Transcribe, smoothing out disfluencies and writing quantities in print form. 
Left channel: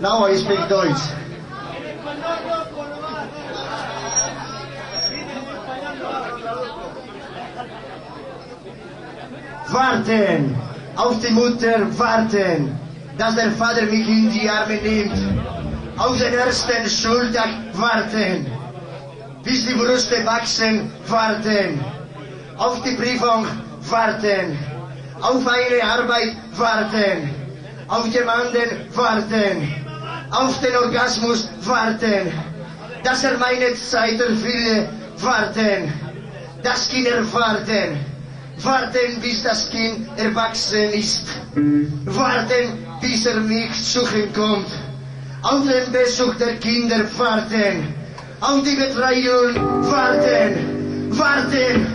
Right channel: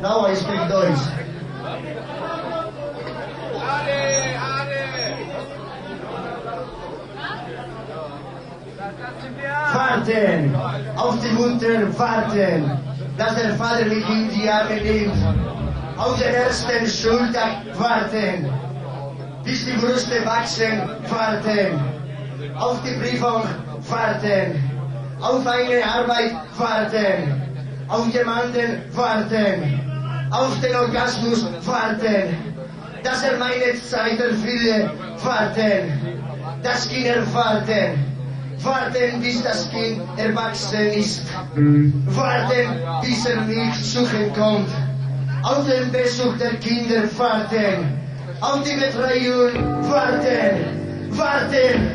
Now I speak Deutsch. Warten, auf die Mutter warten, dass der Vater mich in die Arme nimmt. Auf den ersten Schultag warten, bis die Brüste wachsen, warten. Auf die Prüfung warten, auf eine Arbeit warten, auf jemanden warten, auf den Orgasmus warten, dass meine Zeit erfülle, warten, dass Kinder warten. Warten, bis das Kind erwachsen ist. Warten, bis mich suchen kommt. Auf den Besuch der Kinder warten. Auf die Betreuung warten. Warten.